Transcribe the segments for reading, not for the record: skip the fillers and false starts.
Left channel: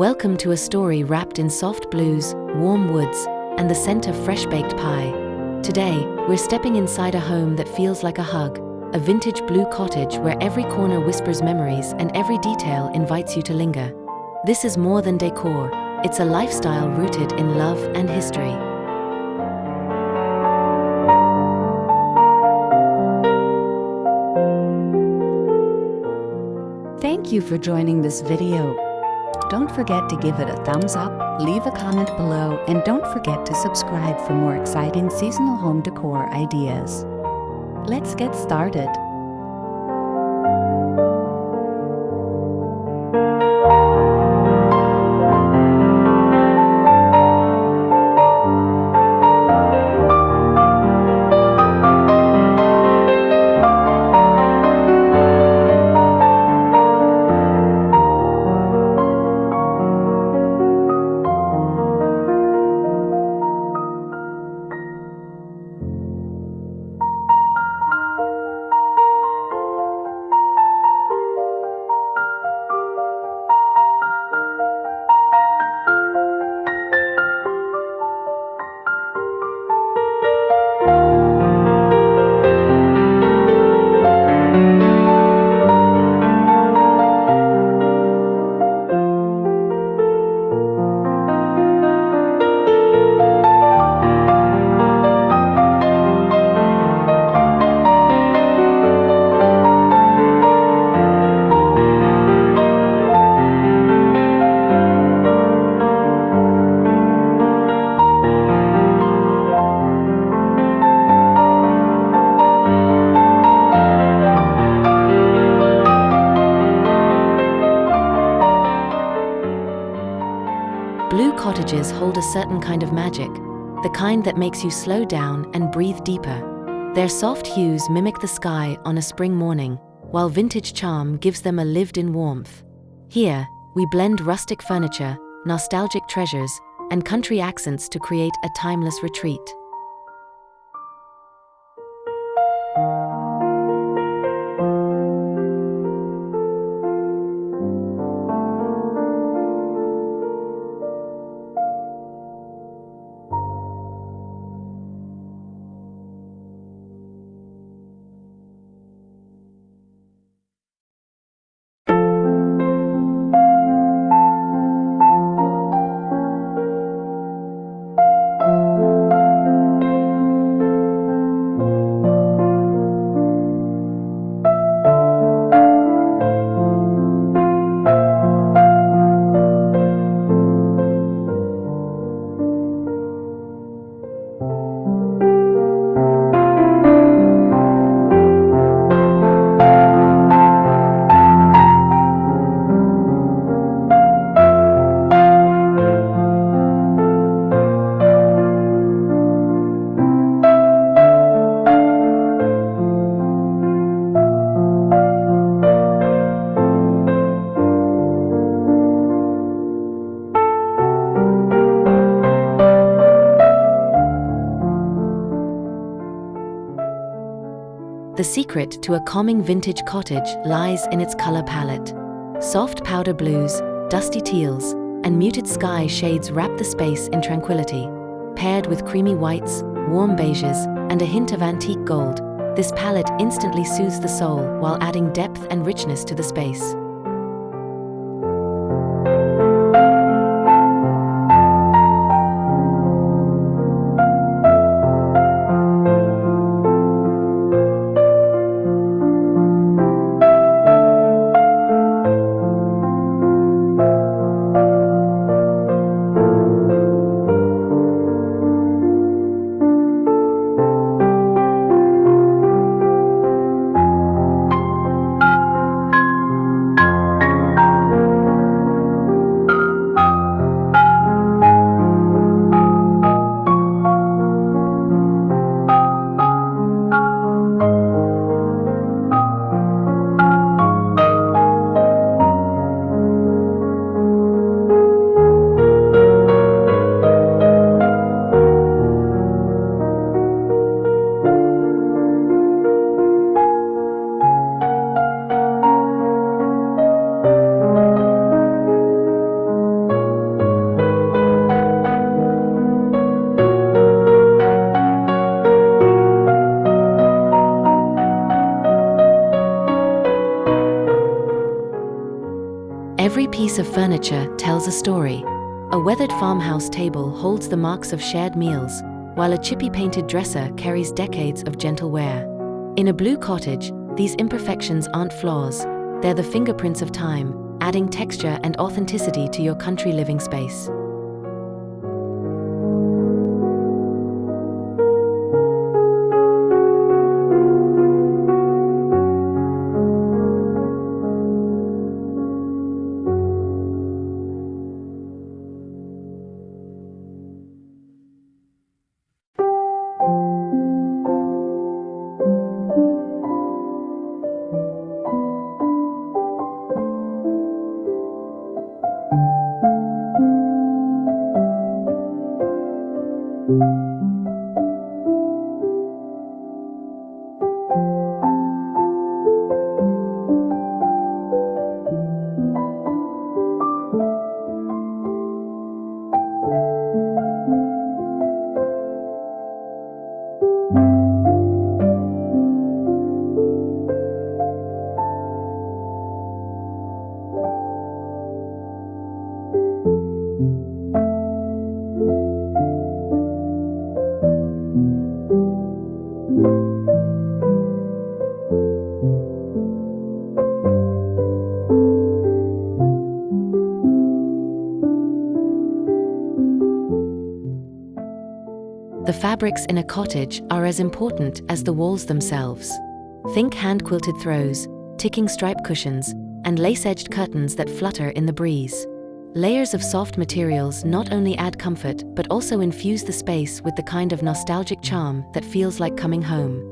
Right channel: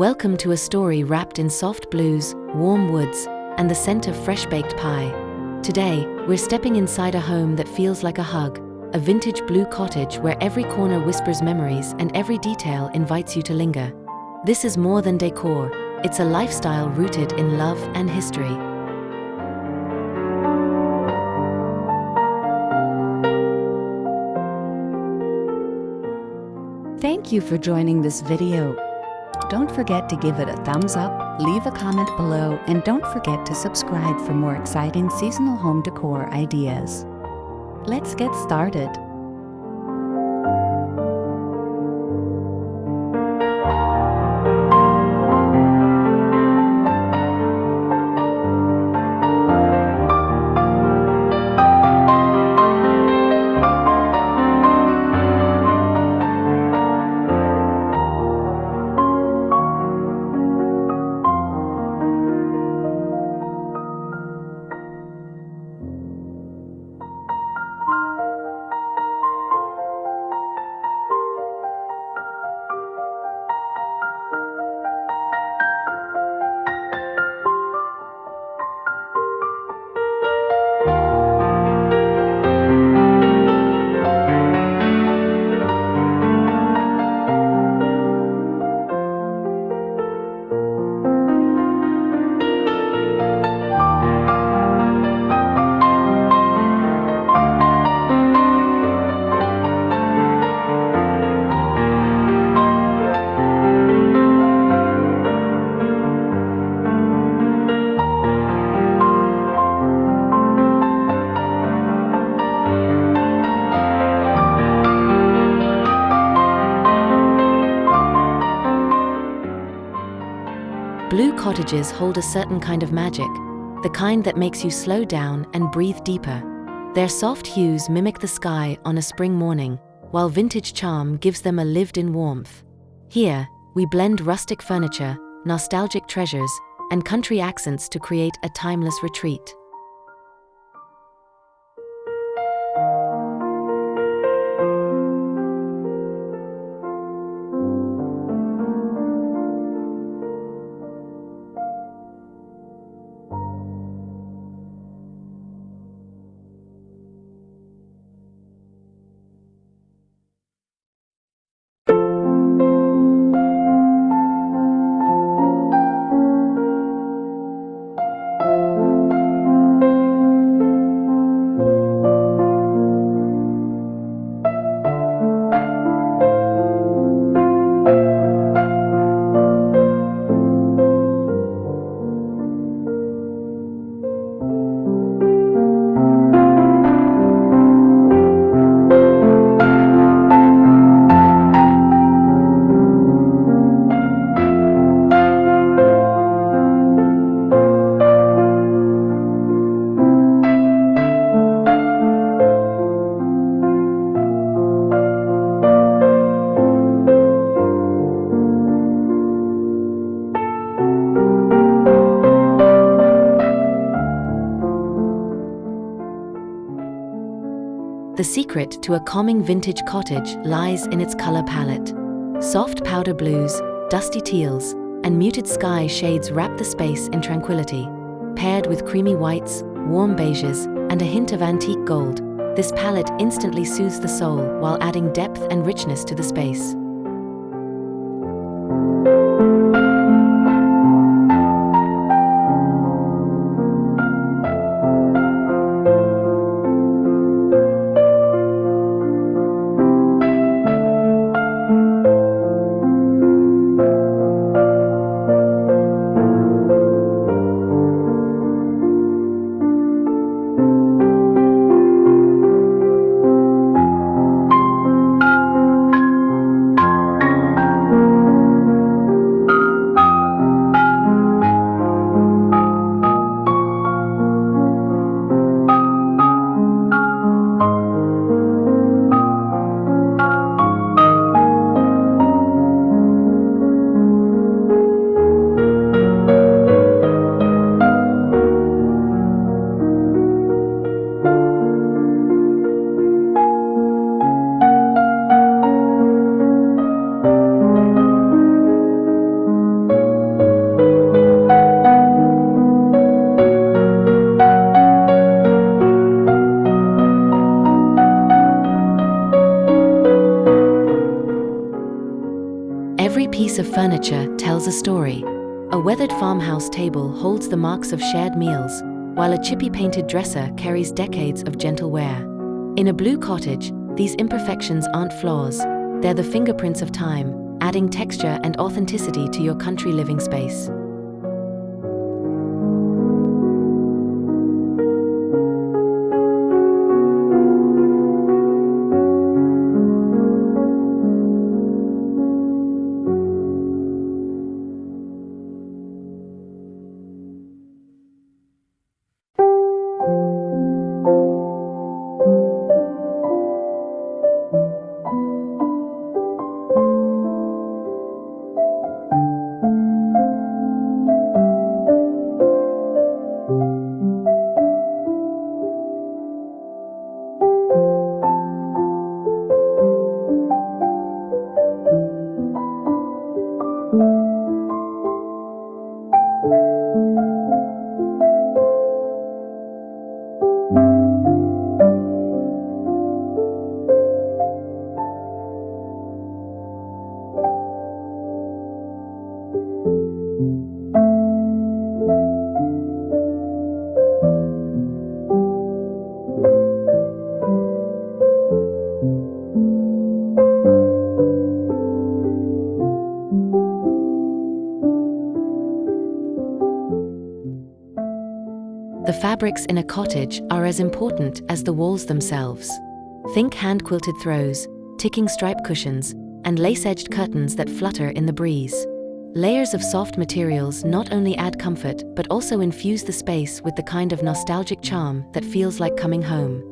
Welcome to a story wrapped in soft blues, warm woods, and the scent of fresh-baked pie. Today, we're stepping inside a home that feels like a hug, a vintage blue cottage where every corner whispers memories and every detail invites you to linger. This is more than decor, it's a lifestyle rooted in love and history. Thank you for joining this video. Don't forget to give it a thumbs up, leave a comment below, and don't forget to subscribe for more exciting seasonal home decor ideas. Let's get started. Blue cottages hold a certain kind of magic, the kind that makes you slow down and breathe deeper. Their soft hues mimic the sky on a spring morning, while vintage charm gives them a lived-in warmth. Here, we blend rustic furniture, nostalgic treasures, and country accents to create a timeless retreat. The secret to a calming vintage cottage lies in its color palette. Soft powder blues, dusty teals, and muted sky shades wrap the space in tranquility. Paired with creamy whites, warm beiges, and a hint of antique gold, this palette instantly soothes the soul while adding depth and richness to the space. Every piece of furniture tells a story. A weathered farmhouse table holds the marks of shared meals, while a chippy painted dresser carries decades of gentle wear. In a blue cottage, these imperfections aren't flaws, they're the fingerprints of time, adding texture and authenticity to your country living space. The fabrics in a cottage are as important as the walls themselves. Think hand-quilted throws, ticking stripe cushions, and lace-edged curtains that flutter in the breeze. Layers of soft materials not only add comfort but also infuse the space with the kind of nostalgic charm that feels like coming home.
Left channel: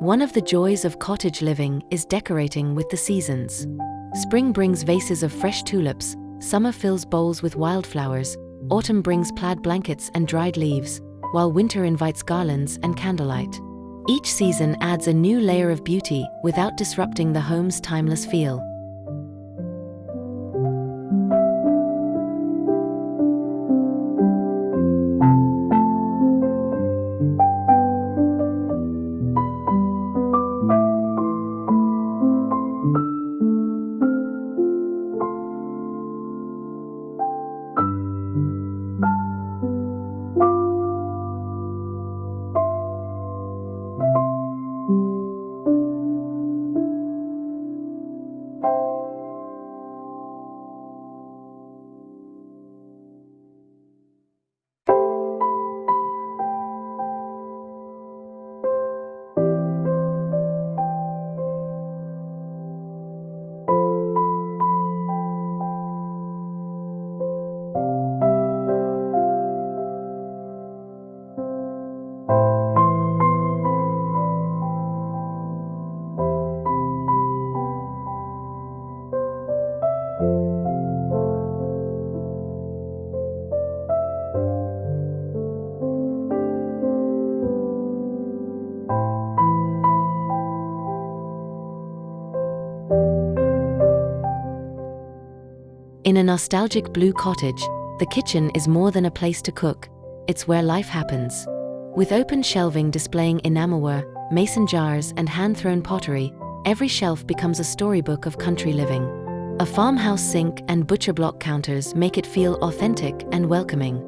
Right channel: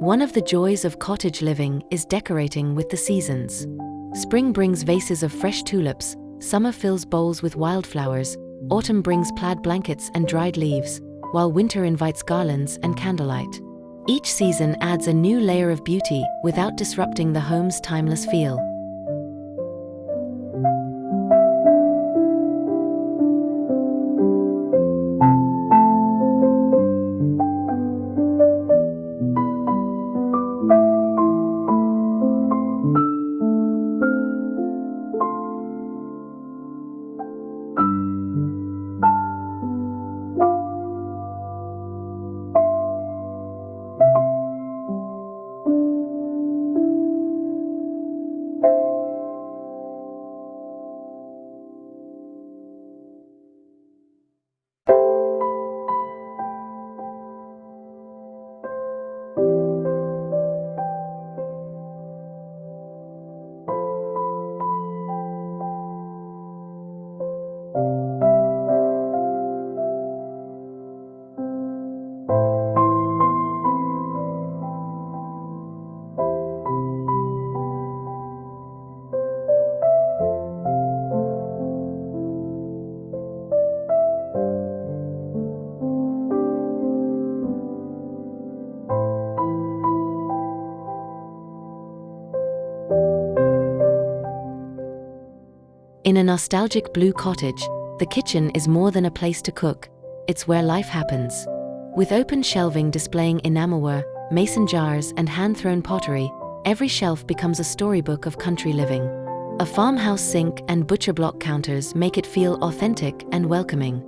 One of the joys of cottage living is decorating with the seasons. Spring brings vases of fresh tulips, summer fills bowls with wildflowers, autumn brings plaid blankets and dried leaves, while winter invites garlands and candlelight. Each season adds a new layer of beauty without disrupting the home's timeless feel. In a nostalgic blue cottage, the kitchen is more than a place to cook, it's where life happens. With open shelving displaying enamelware, mason jars and hand-thrown pottery, Every shelf becomes a storybook of country living. A farmhouse sink and butcher block counters make it feel authentic and welcoming.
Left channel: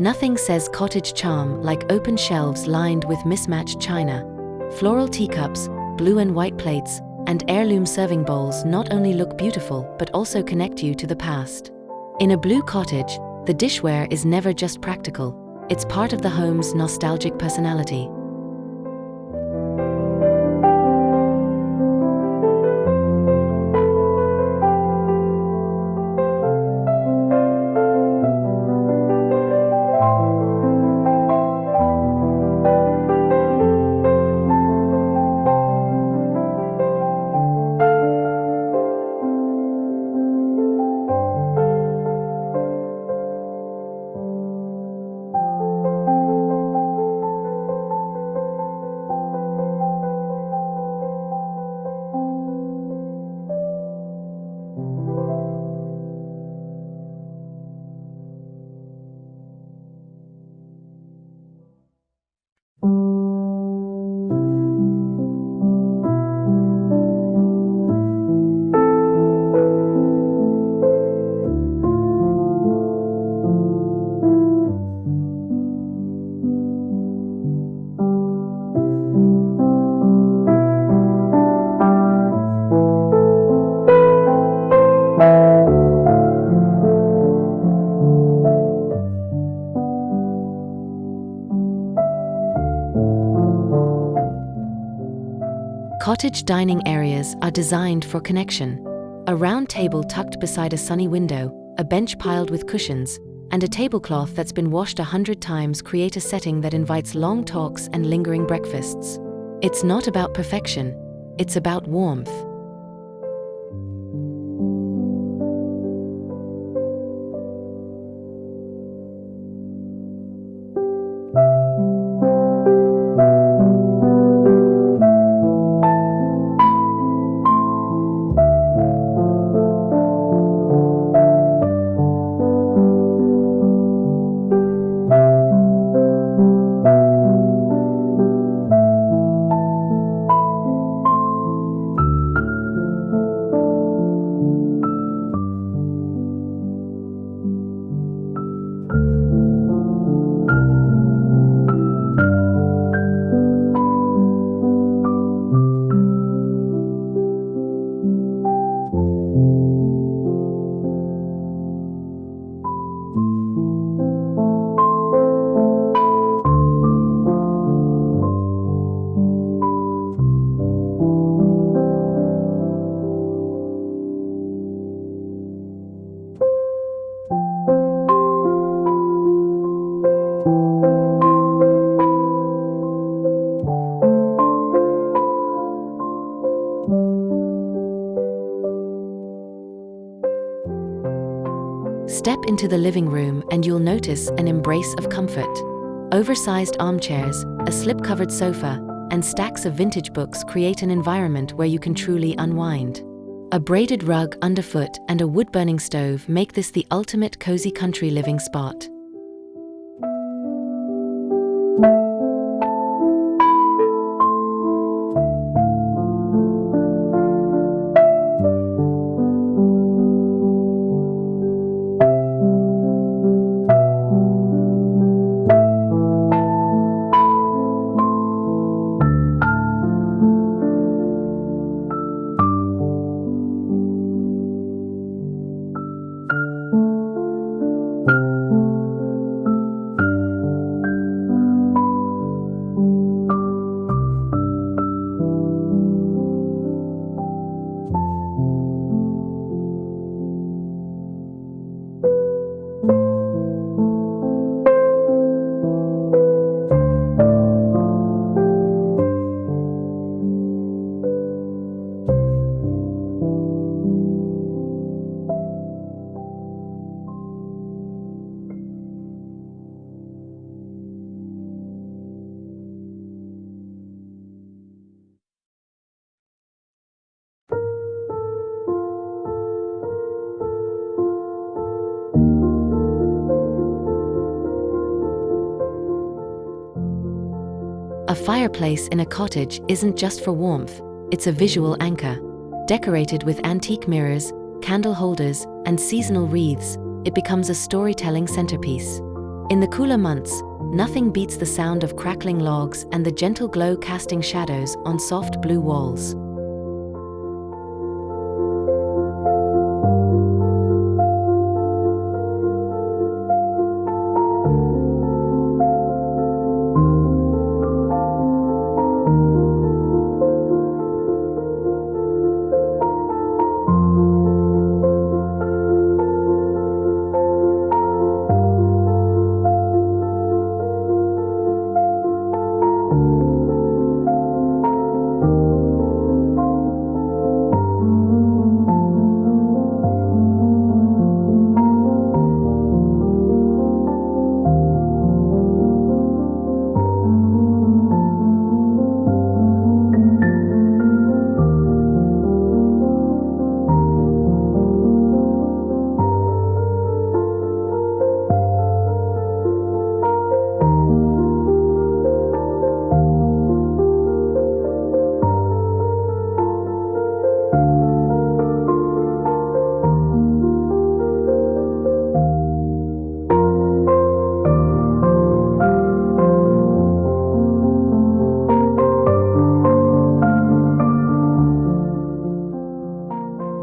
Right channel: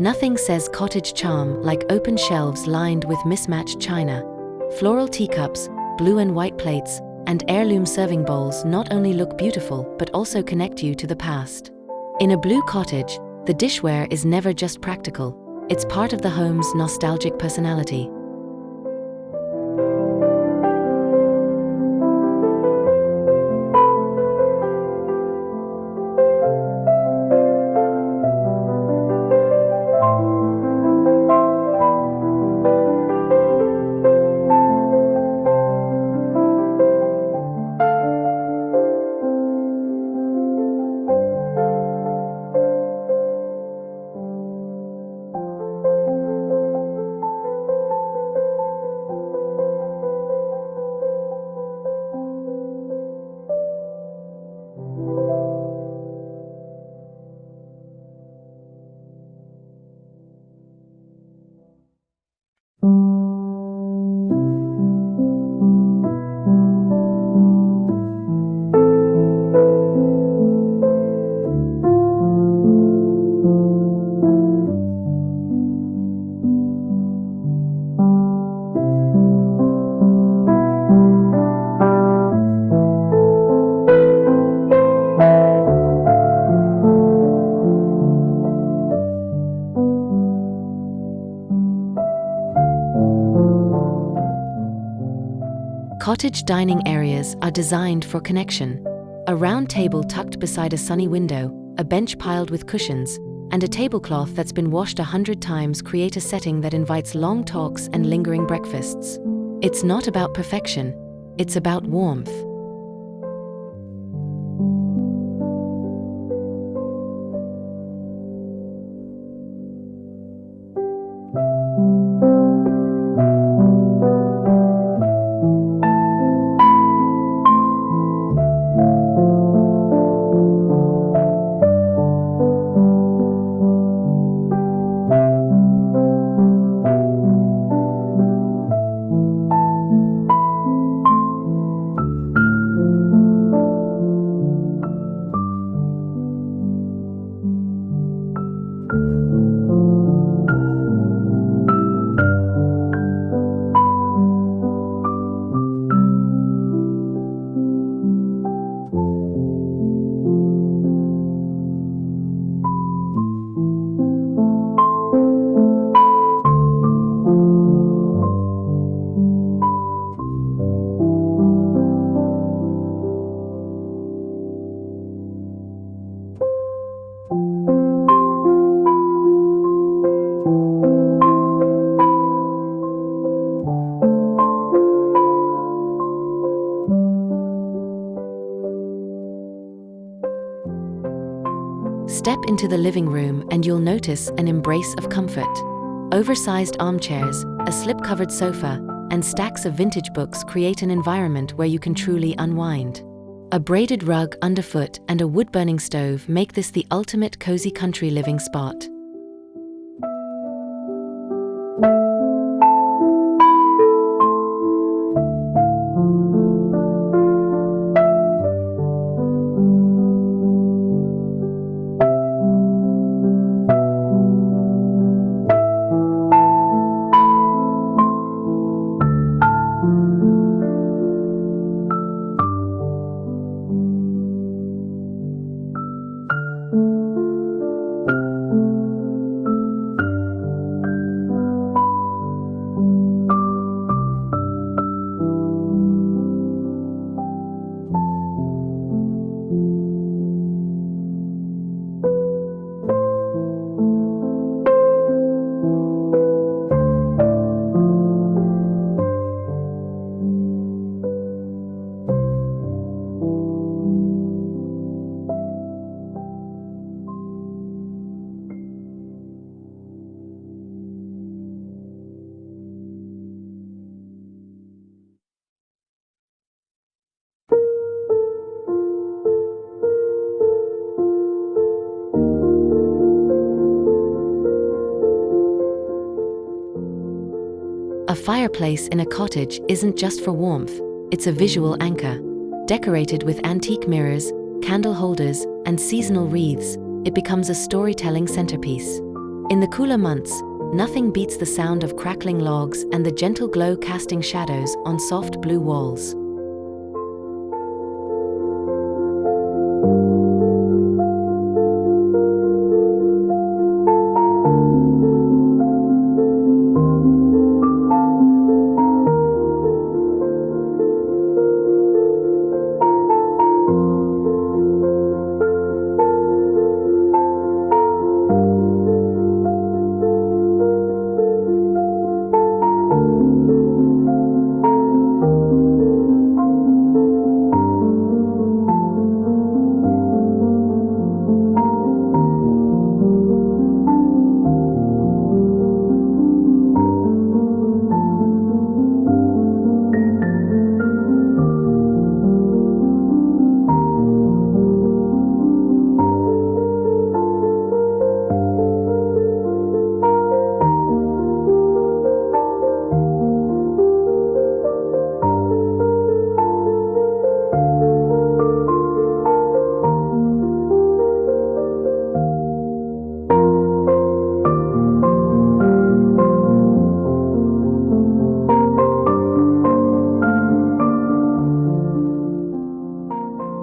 Nothing says cottage charm like open shelves lined with mismatched china. Floral teacups, blue and white plates, and heirloom serving bowls not only look beautiful but also connect you to the past. In a blue cottage, the dishware is never just practical, it's part of the home's nostalgic personality. Cottage dining areas are designed for connection. A round table tucked beside a sunny window, a bench piled with cushions, and a tablecloth that's been washed 100 times create a setting that invites long talks and lingering breakfasts. It's not about perfection, it's about warmth. Step into the living room and you'll notice an embrace of comfort. Oversized armchairs, a slip-covered sofa, and stacks of vintage books create an environment where you can truly unwind. A braided rug underfoot and a wood-burning stove make this the ultimate cozy country living spot. A fireplace in a cottage isn't just for warmth, it's a visual anchor. Decorated with antique mirrors, candle holders, and seasonal wreaths, it becomes a storytelling centerpiece. In the cooler months, nothing beats the sound of crackling logs and the gentle glow casting shadows on soft blue walls.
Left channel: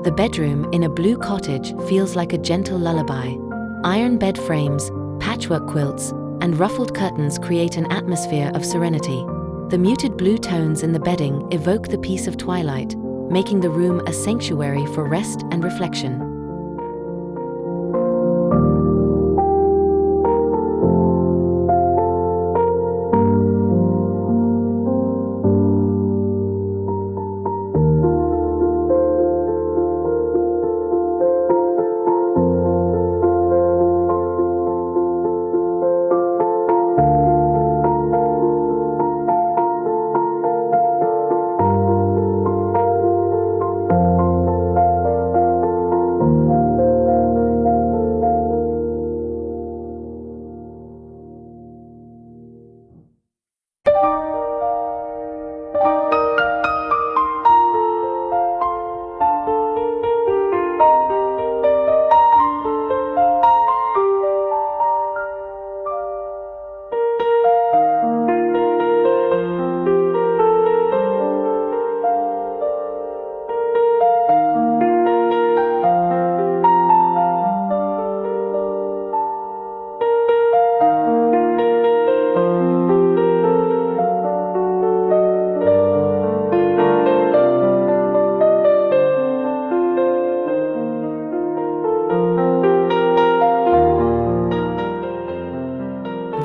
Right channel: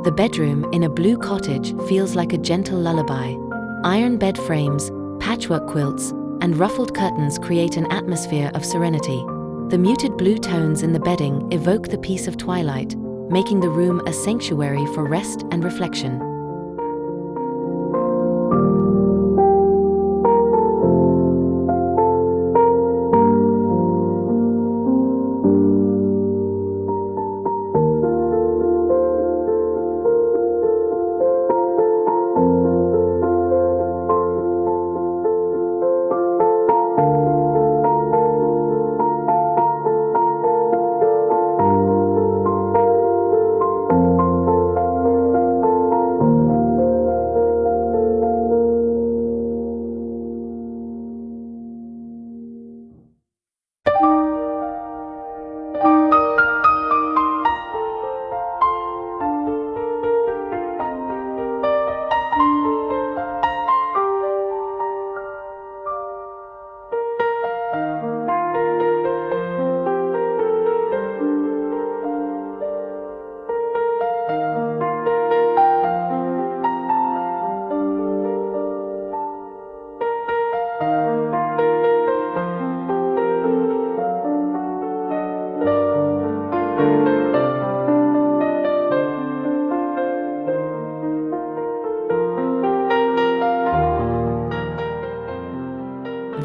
The bedroom in a blue cottage feels like a gentle lullaby. Iron bed frames, patchwork quilts, and ruffled curtains create an atmosphere of serenity. The muted blue tones in the bedding evoke the peace of twilight, making the room a sanctuary for rest and reflection.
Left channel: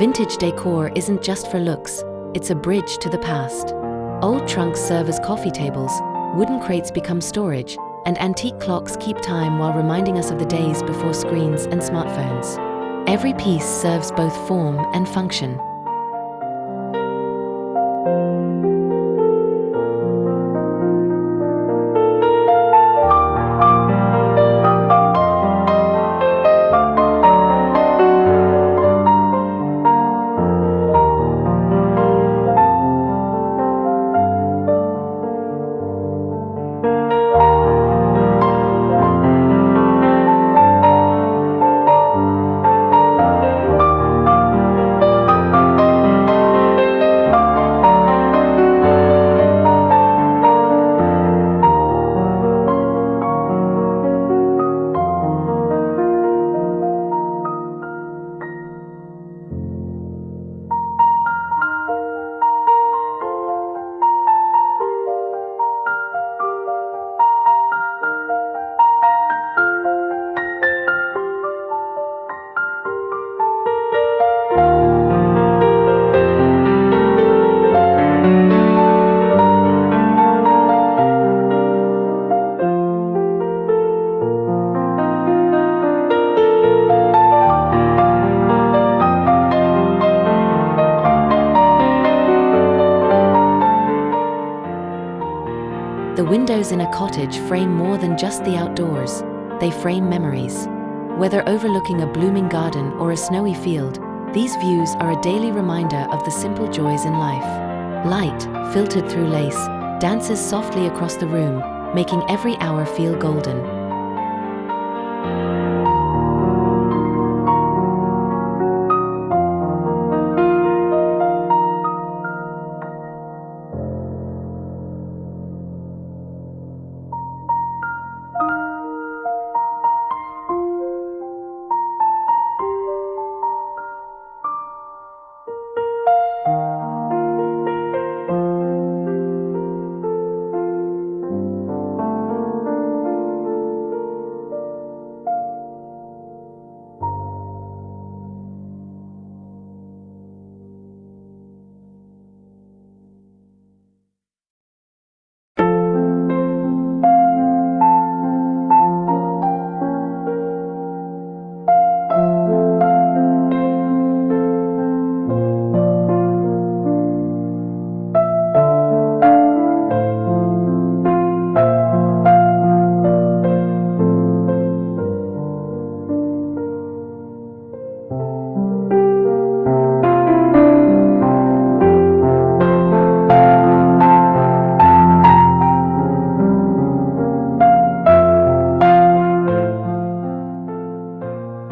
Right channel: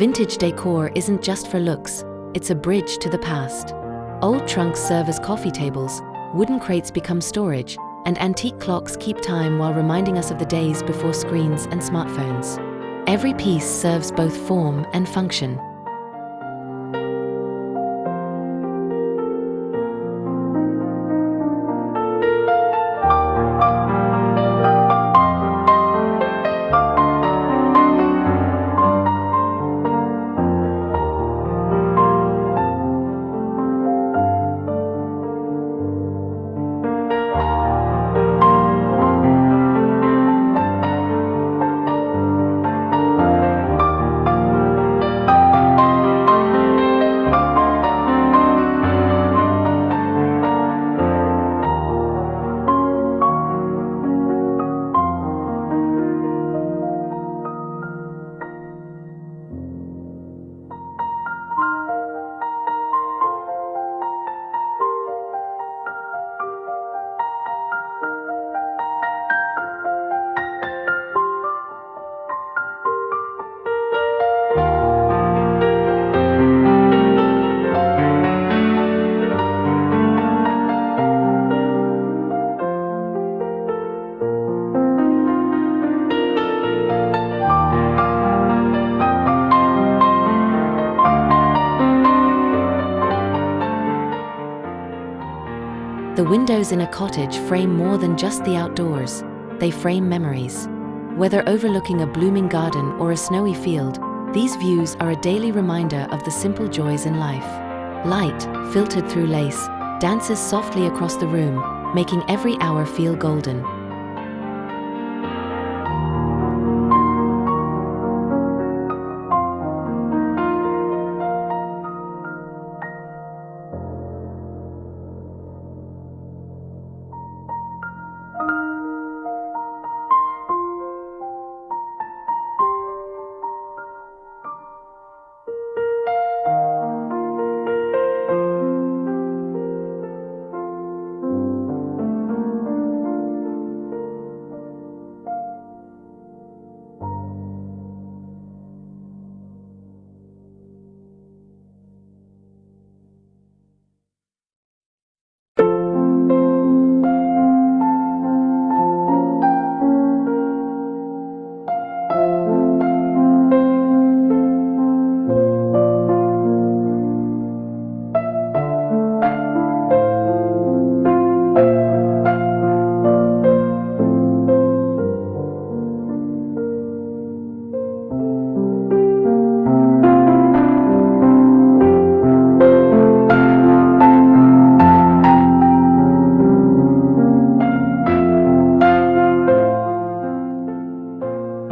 Vintage decor isn't just for looks, it's a bridge to the past. Old trunks serve as coffee tables, wooden crates become storage, and antique clocks keep time while reminding us of the days before screens and smartphones. Every piece serves both form and function. The windows in a cottage frame more than just the outdoors, they frame memories. Whether overlooking a blooming garden or a snowy field, these views are a daily reminder of the simple joys in life. Light, filtered through lace, dances softly across the room, making every hour feel golden.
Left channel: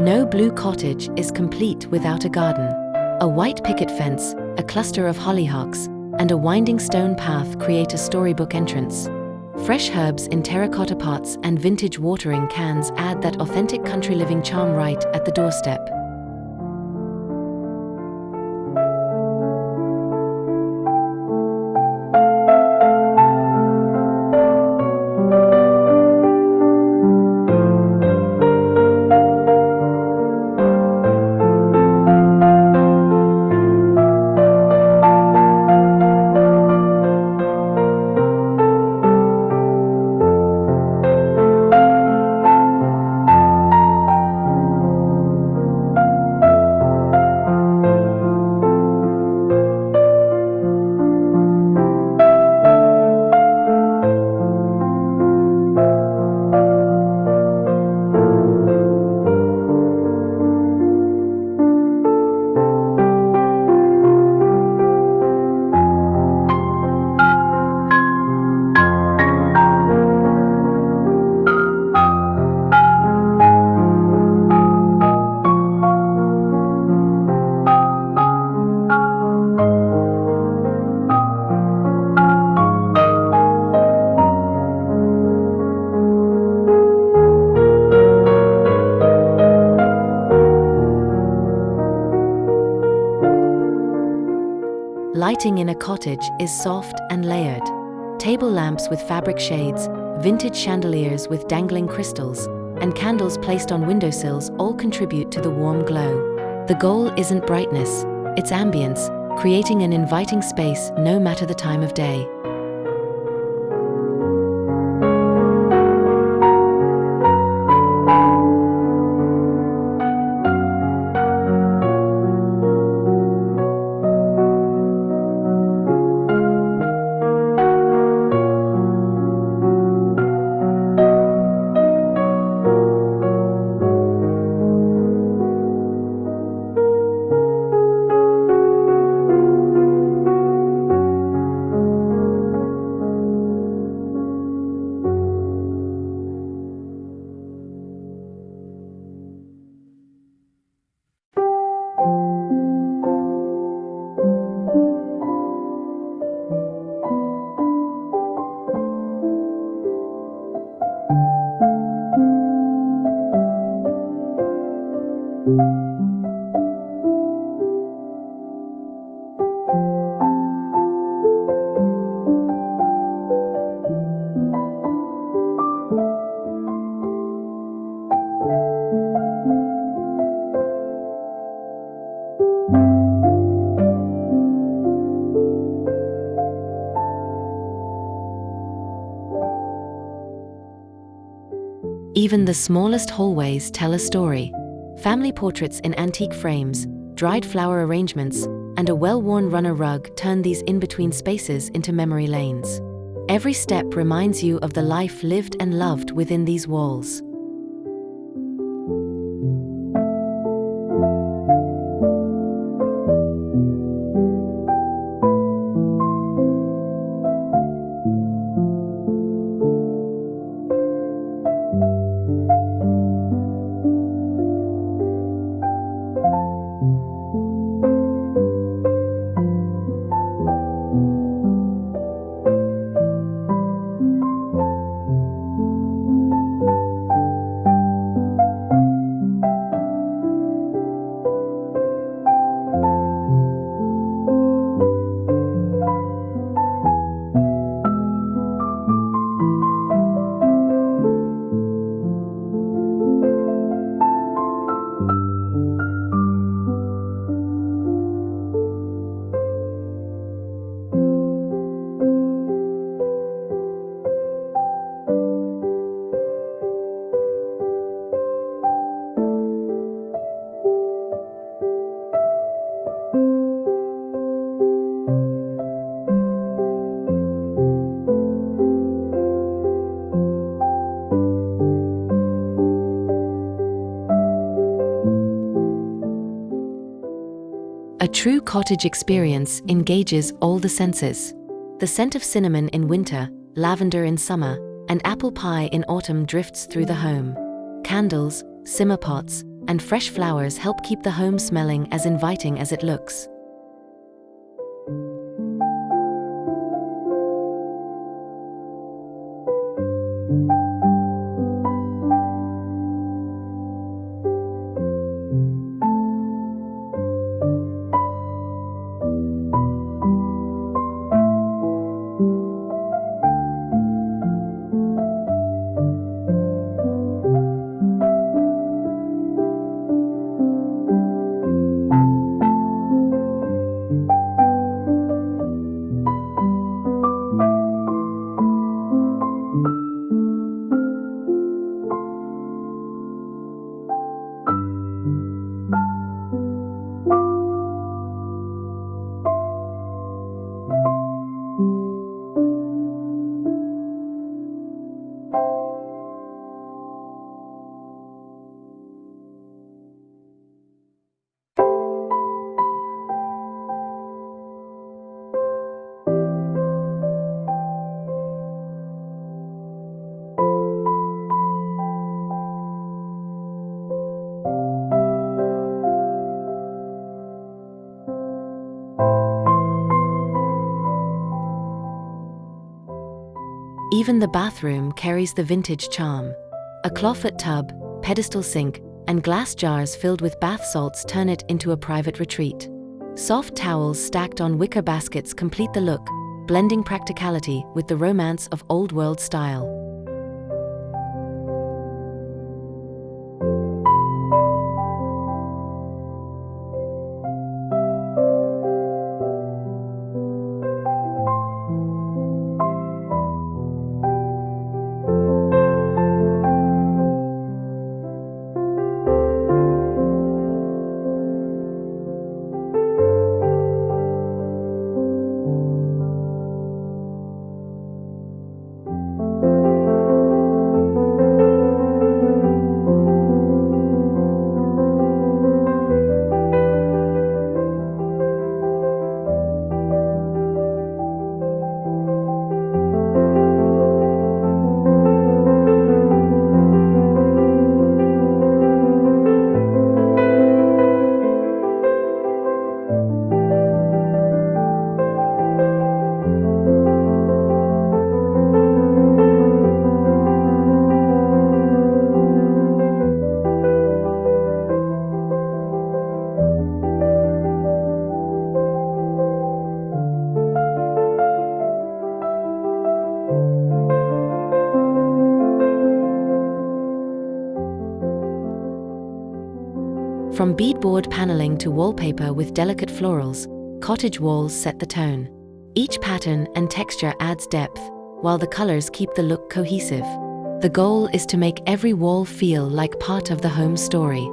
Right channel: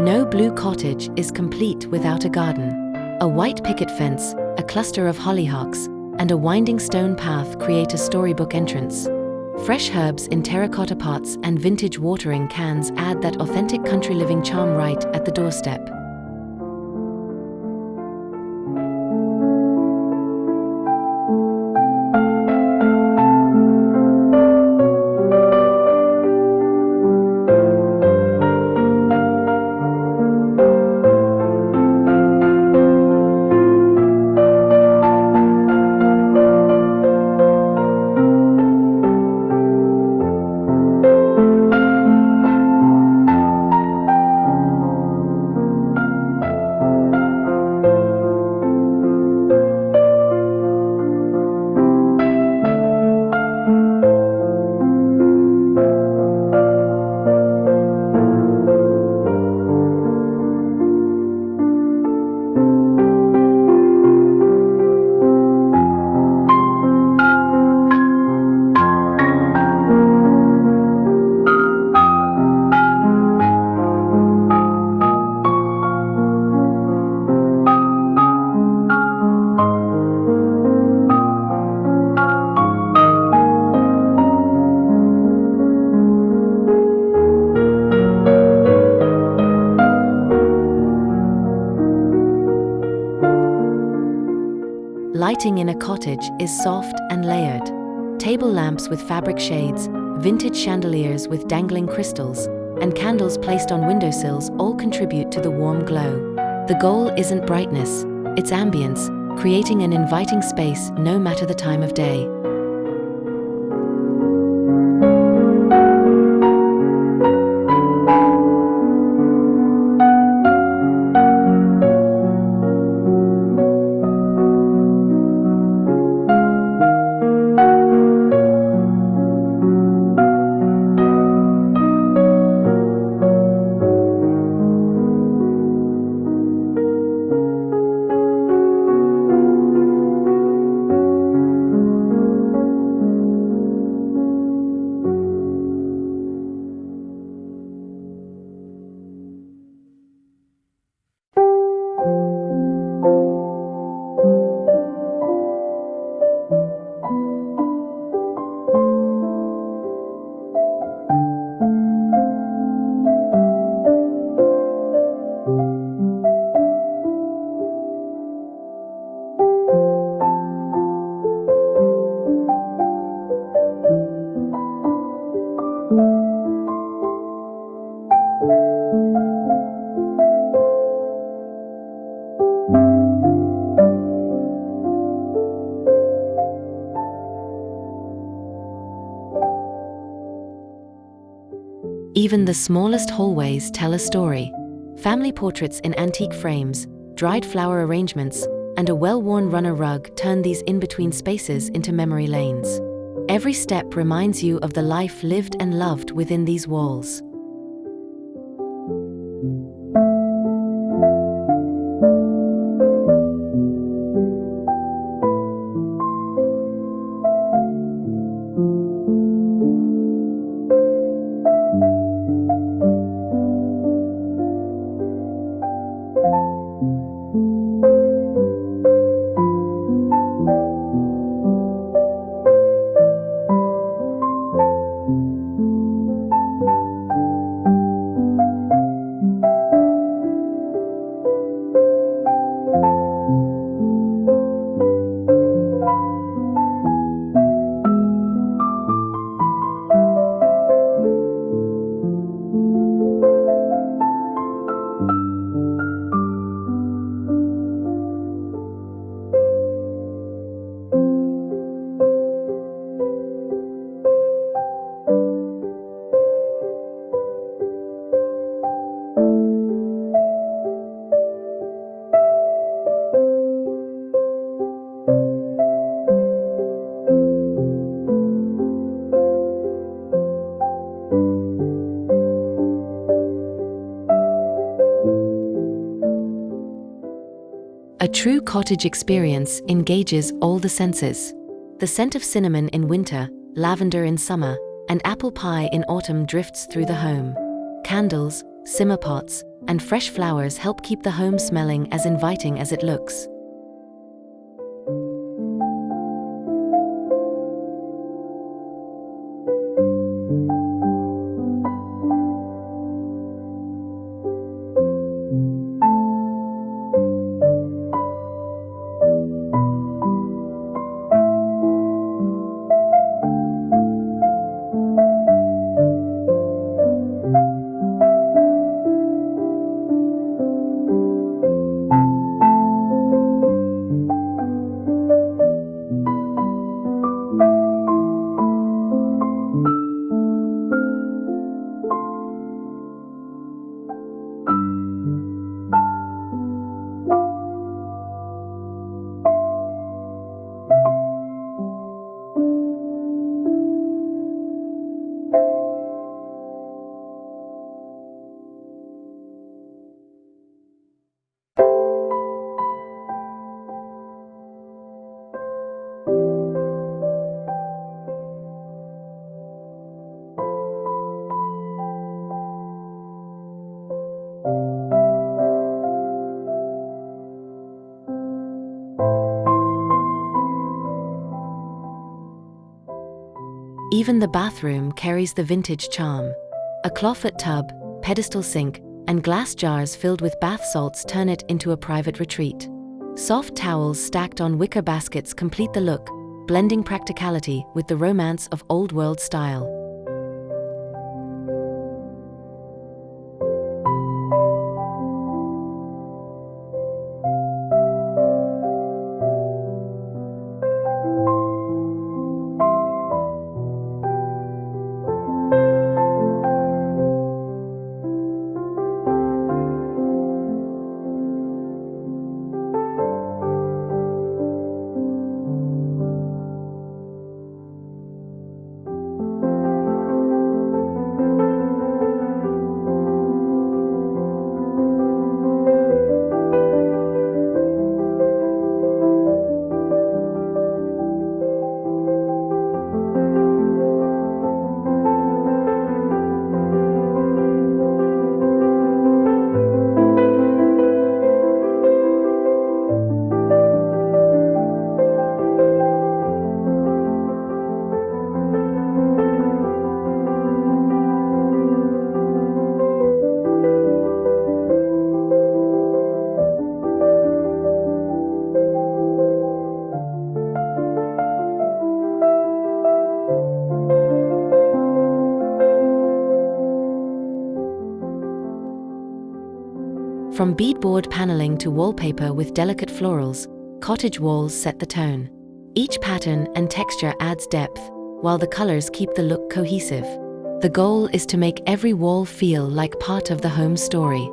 No blue cottage is complete without a garden. A white picket fence, a cluster of hollyhocks, and a winding stone path create a storybook entrance. Fresh herbs in terracotta pots and vintage watering cans add that authentic country living charm right at the doorstep. Lighting in a cottage is soft and layered. Table lamps with fabric shades, vintage chandeliers with dangling crystals, and candles placed on windowsills all contribute to the warm glow. The goal isn't brightness, it's ambience, creating an inviting space no matter the time of day. Even the smallest hallways tell a story. Family portraits in antique frames, dried flower arrangements, and a well-worn runner rug turn these in-between spaces into memory lanes. Every step reminds you of the life lived and loved within these walls. A true cottage experience engages all the senses. The scent of cinnamon in winter, lavender in summer, and apple pie in autumn drifts through the home. Candles, simmer pots, and fresh flowers help keep the home smelling as inviting as it looks. Even the bathroom carries the vintage charm. A clawfoot tub, pedestal sink, and glass jars filled with bath salts turn it into a private retreat. Soft towels stacked on wicker baskets complete the look, blending practicality with the romance of old-world style. From beadboard paneling to wallpaper with delicate florals, cottage walls set the tone. Each pattern and texture adds depth, while the colors keep the look cohesive. The goal is to make every wall feel like part of the home story.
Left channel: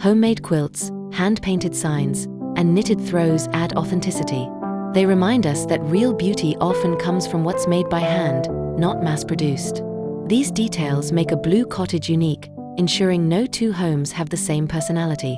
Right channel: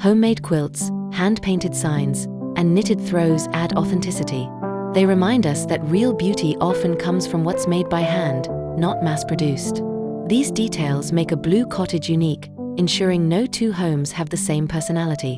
Homemade quilts, hand-painted signs, and knitted throws add authenticity. They remind us that real beauty often comes from what's made by hand, not mass-produced. These details make a blue cottage unique, ensuring no two homes have the same personality.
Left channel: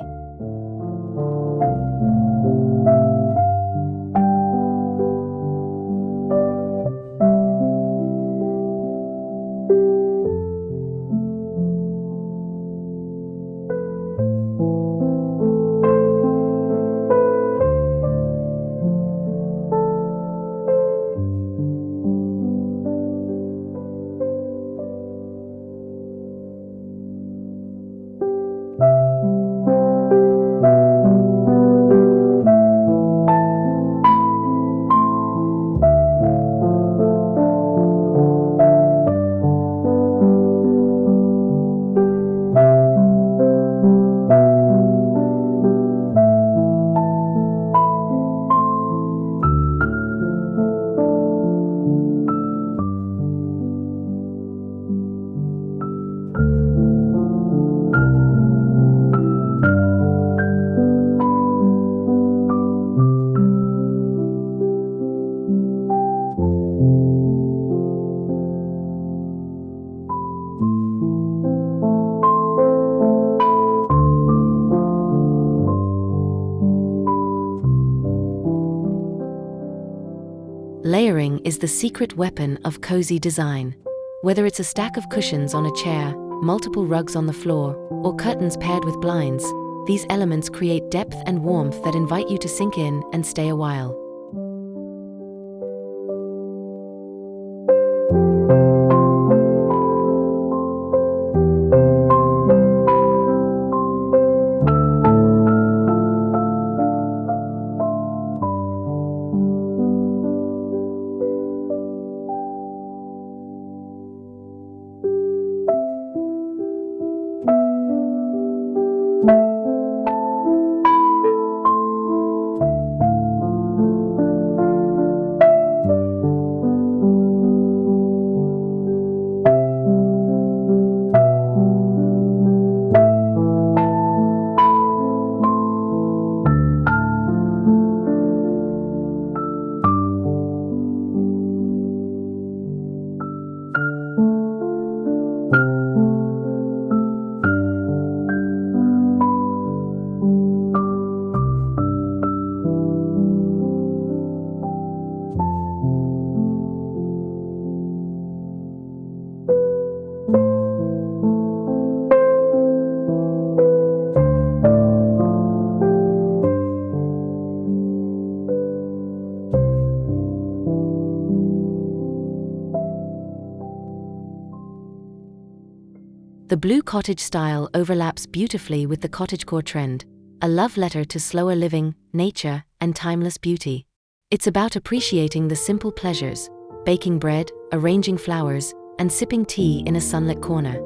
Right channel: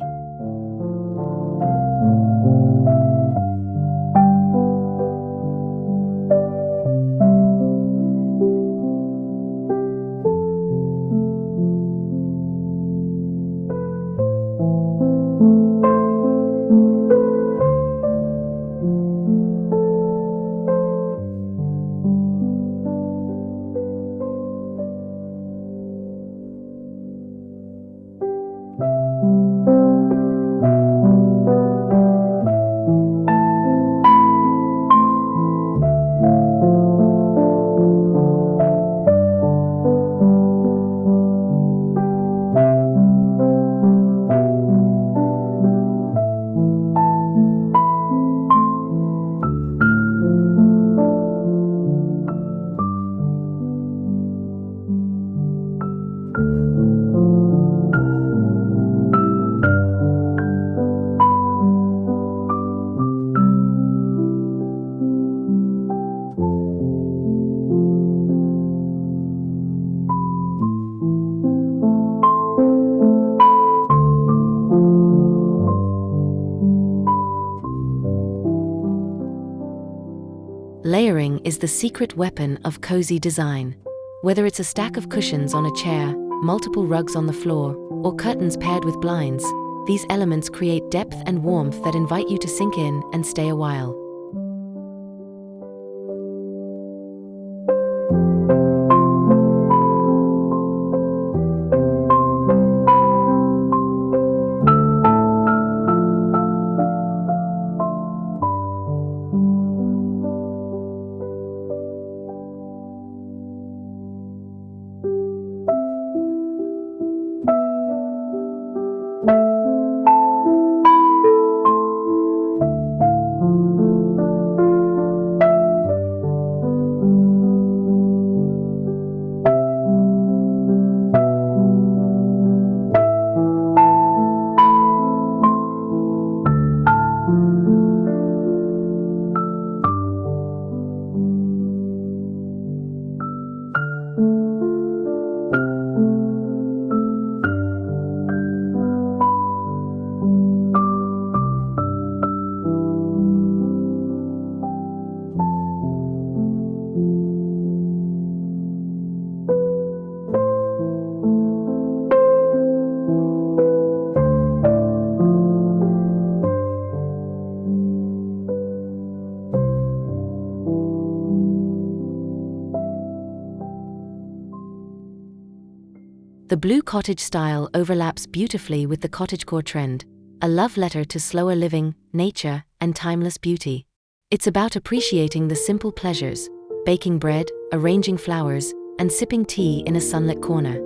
Layering is the secret weapon of cozy design. Whether it's a stack of cushions on a chair, multiple rugs on the floor, or curtains paired with blinds, these elements create depth and warmth that invite you to sink in and stay a while. The blue cottage style overlaps beautifully with the cottagecore trend, a love letter to slower living, nature, and timeless beauty. It's about appreciating the simple pleasures, baking bread, arranging flowers, and sipping tea in a sunlit corner.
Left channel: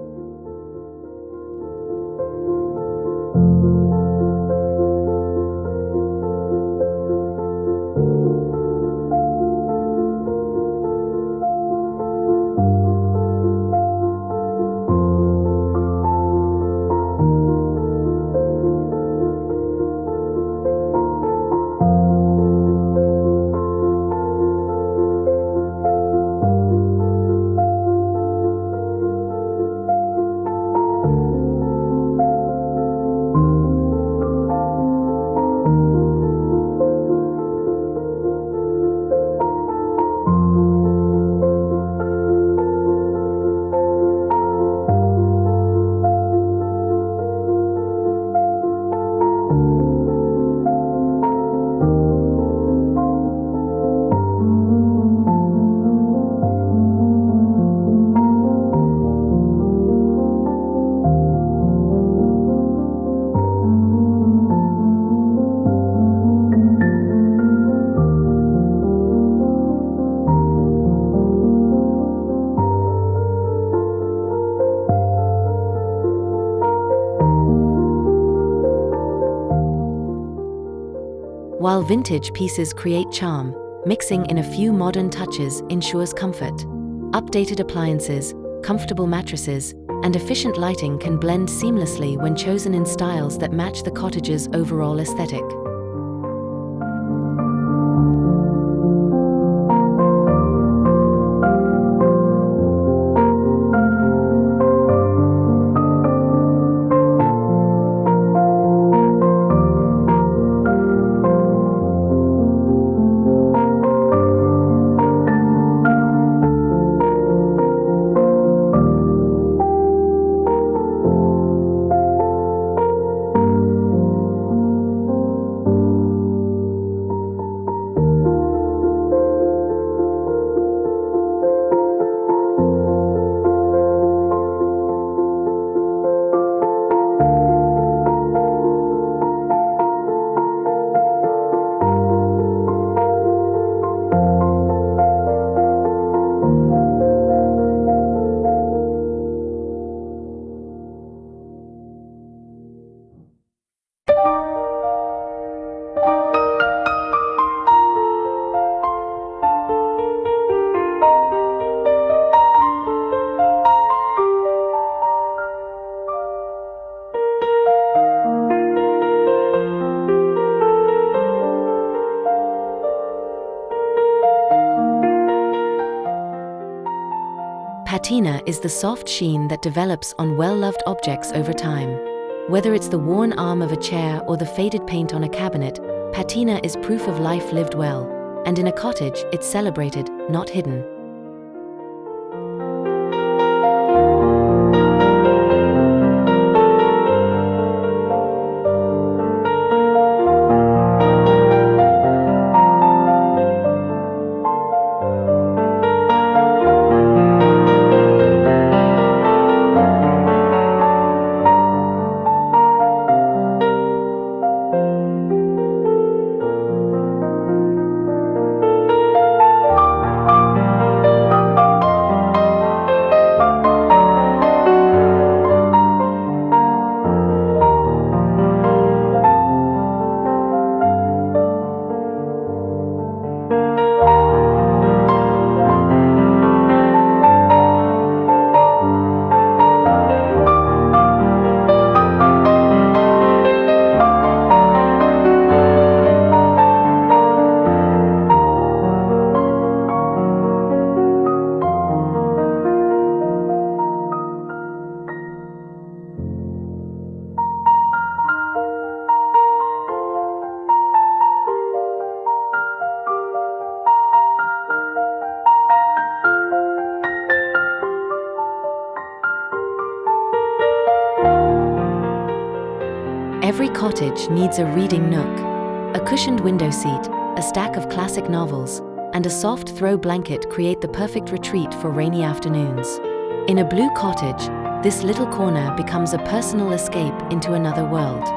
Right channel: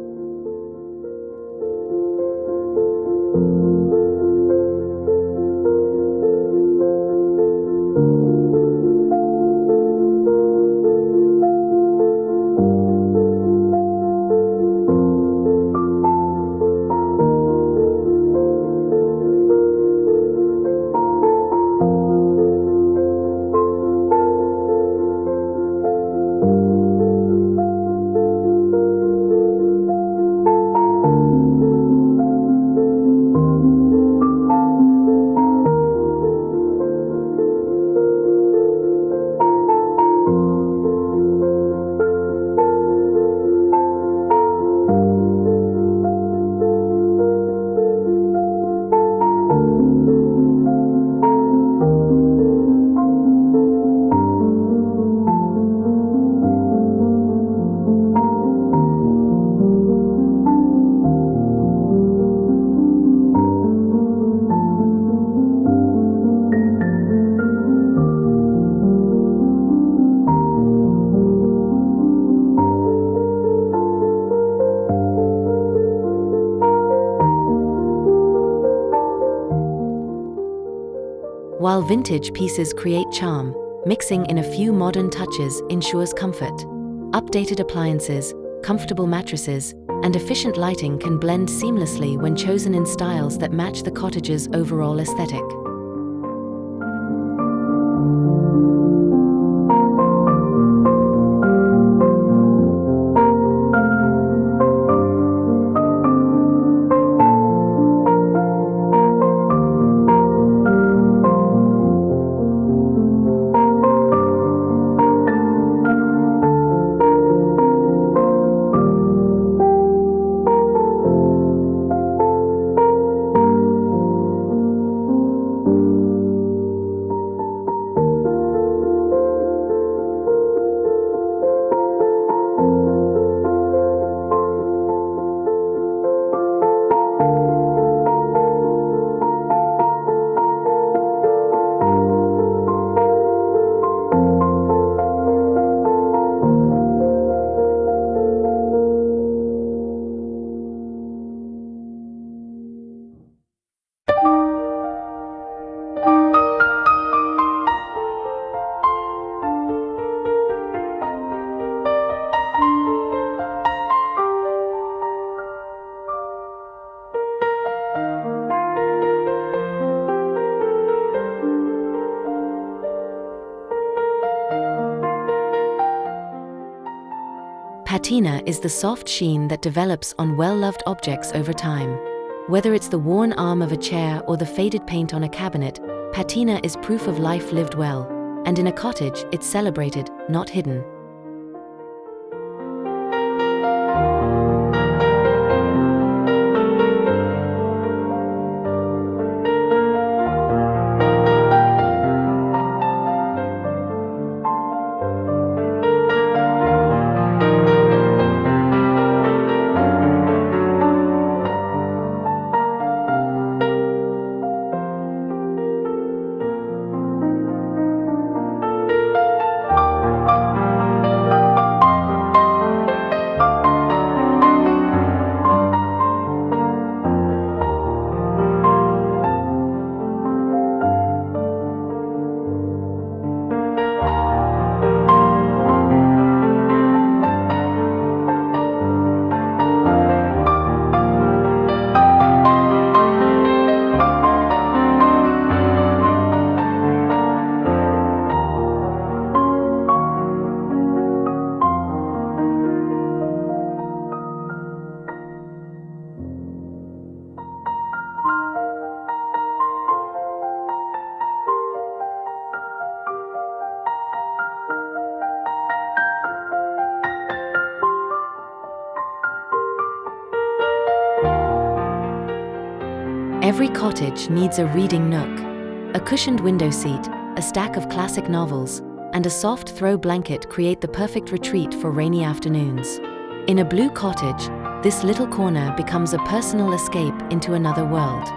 While vintage pieces create charm, mixing in a few modern touches ensures comfort. Updated appliances, comfortable mattresses, and efficient lighting can blend seamlessly when chosen in styles that match the cottage's overall aesthetic. patina is the soft sheen that develops on well-loved objects over time. Whether it's the worn arm of a chair or the faded paint on a cabinet, patina is proof of life lived well, and in a cottage, it's celebrated, not hidden. Every cottage needs a reading nook. A cushioned window seat, a stack of classic novels, and a soft throw blanket create the perfect retreat for rainy afternoons. In a blue cottage, this little corner becomes a personal escape into another world.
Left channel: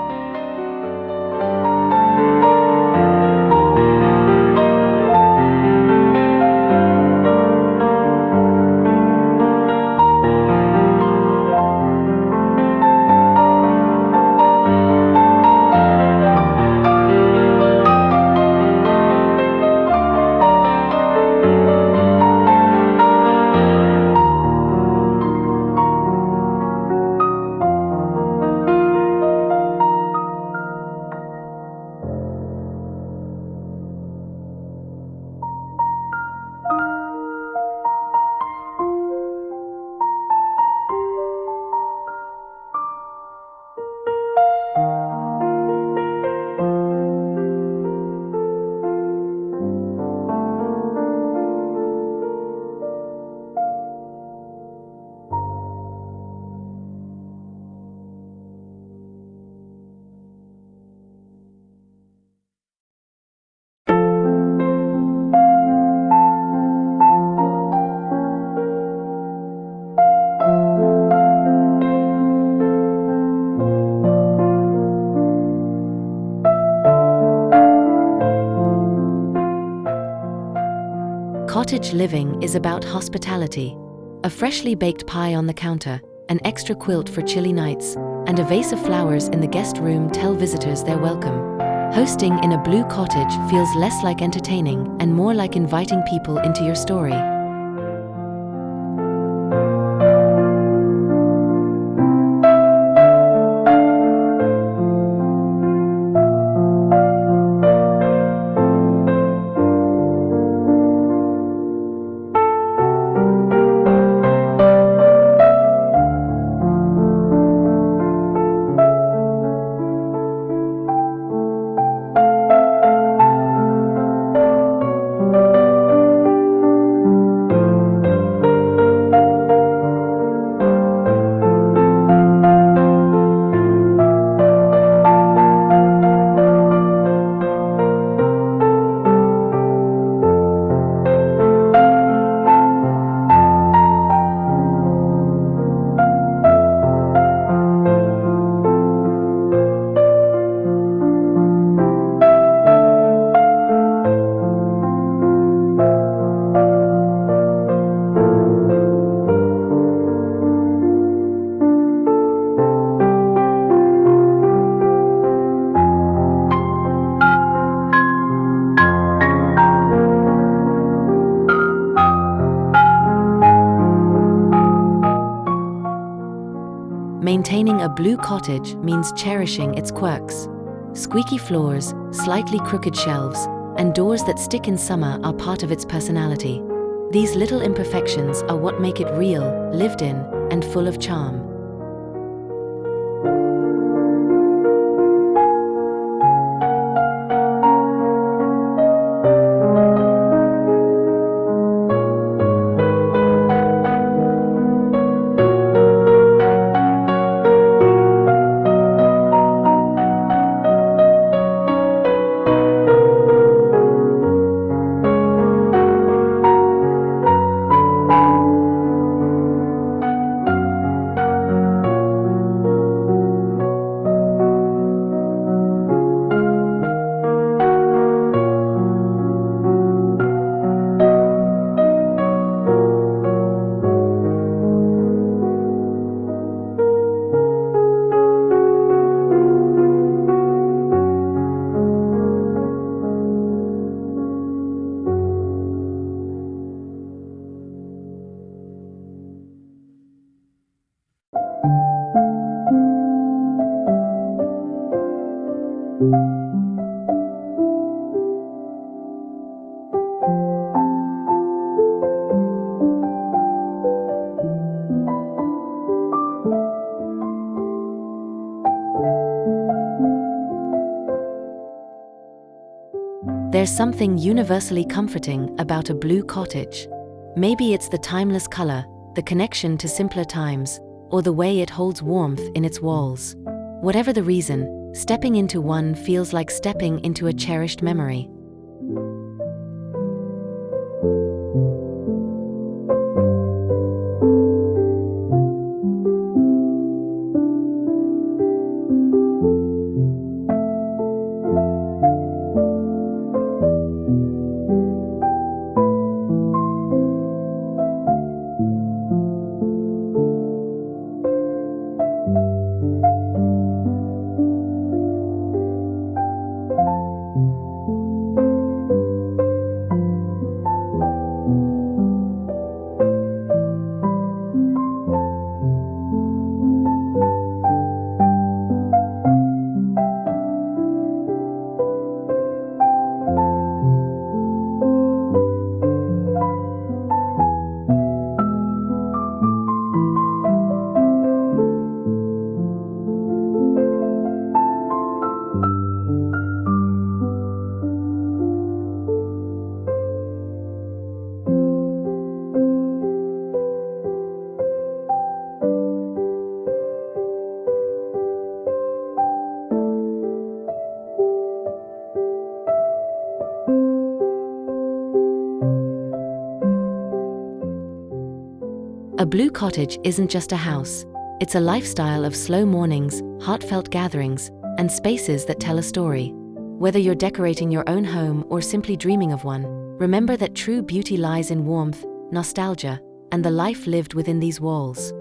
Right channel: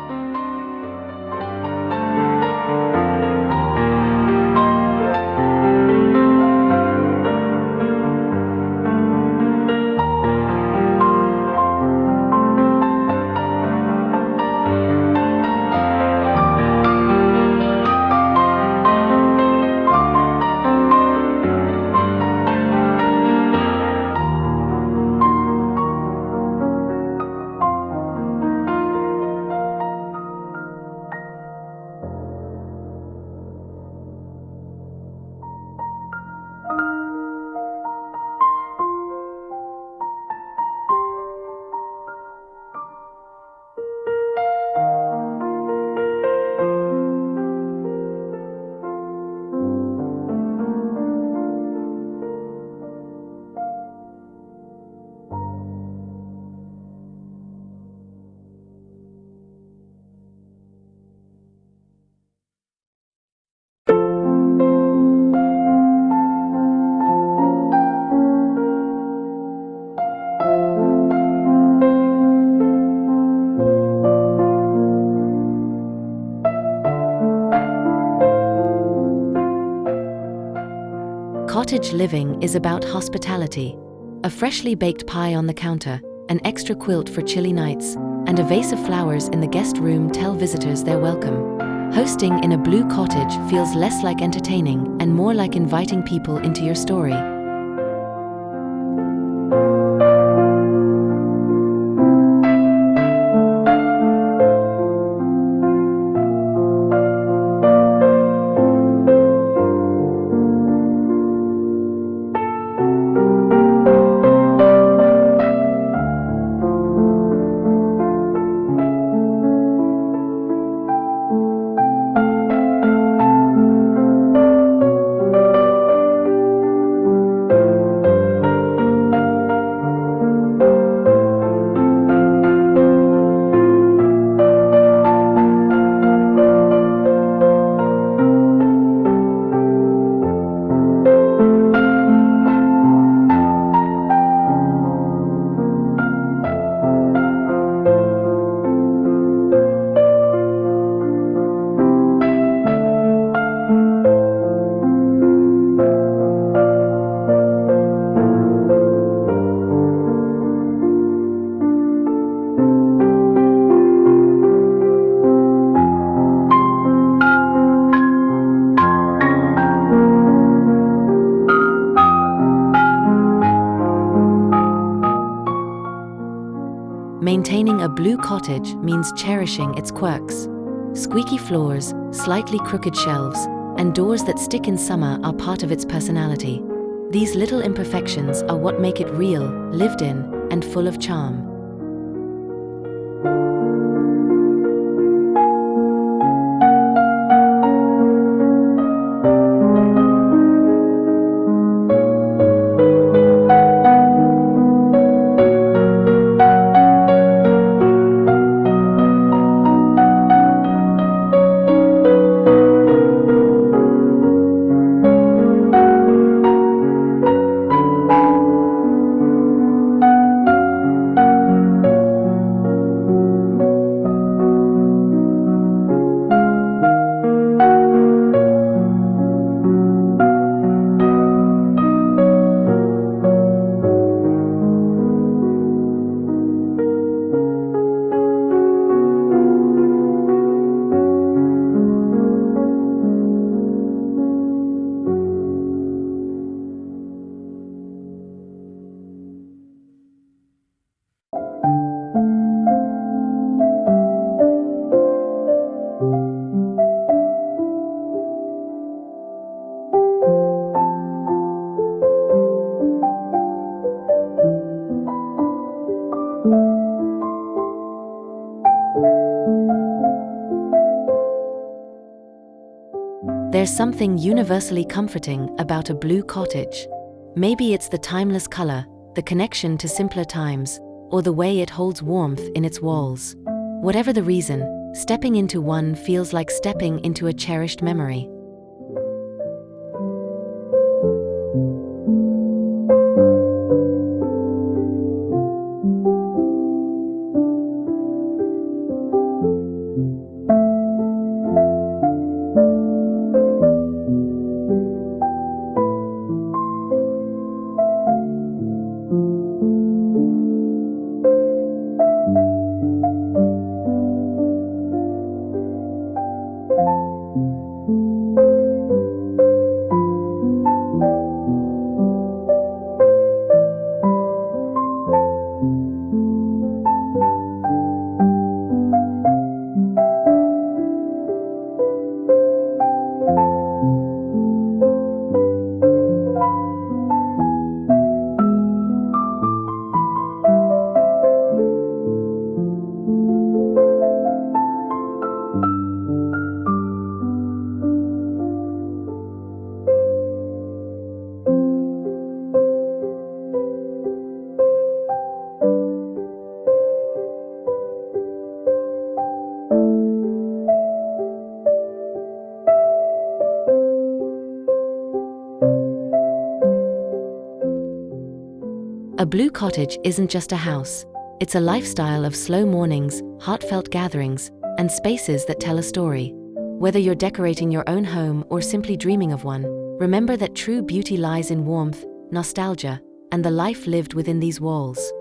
Cottage living is about hospitality. A freshly baked pie on the counter, an extra quilt for chilly nights, and a vase of flowers in the guest room tell visitors they're welcome. Hosting in a blue cottage feels less like entertaining and more like inviting people into your story. Maintaining a blue cottage means cherishing its quirks. Squeaky floors, slightly crooked shelves, and doors that stick in summer are part of its personality. These little imperfections are what make it real, lived in, and full of charm. There's something universally comforting about a blue cottage. Maybe it's the timeless color, the connection to simpler times, or the way it holds warmth in its walls. Whatever the reason, stepping into one feels like stepping into a cherished memory. A blue cottage isn't just a house. It's a lifestyle of slow mornings, heartfelt gatherings, and spaces that tell a story. Whether you're decorating your own home or simply dreaming of one, remember that true beauty lies in warmth, nostalgia, and the life lived within these walls.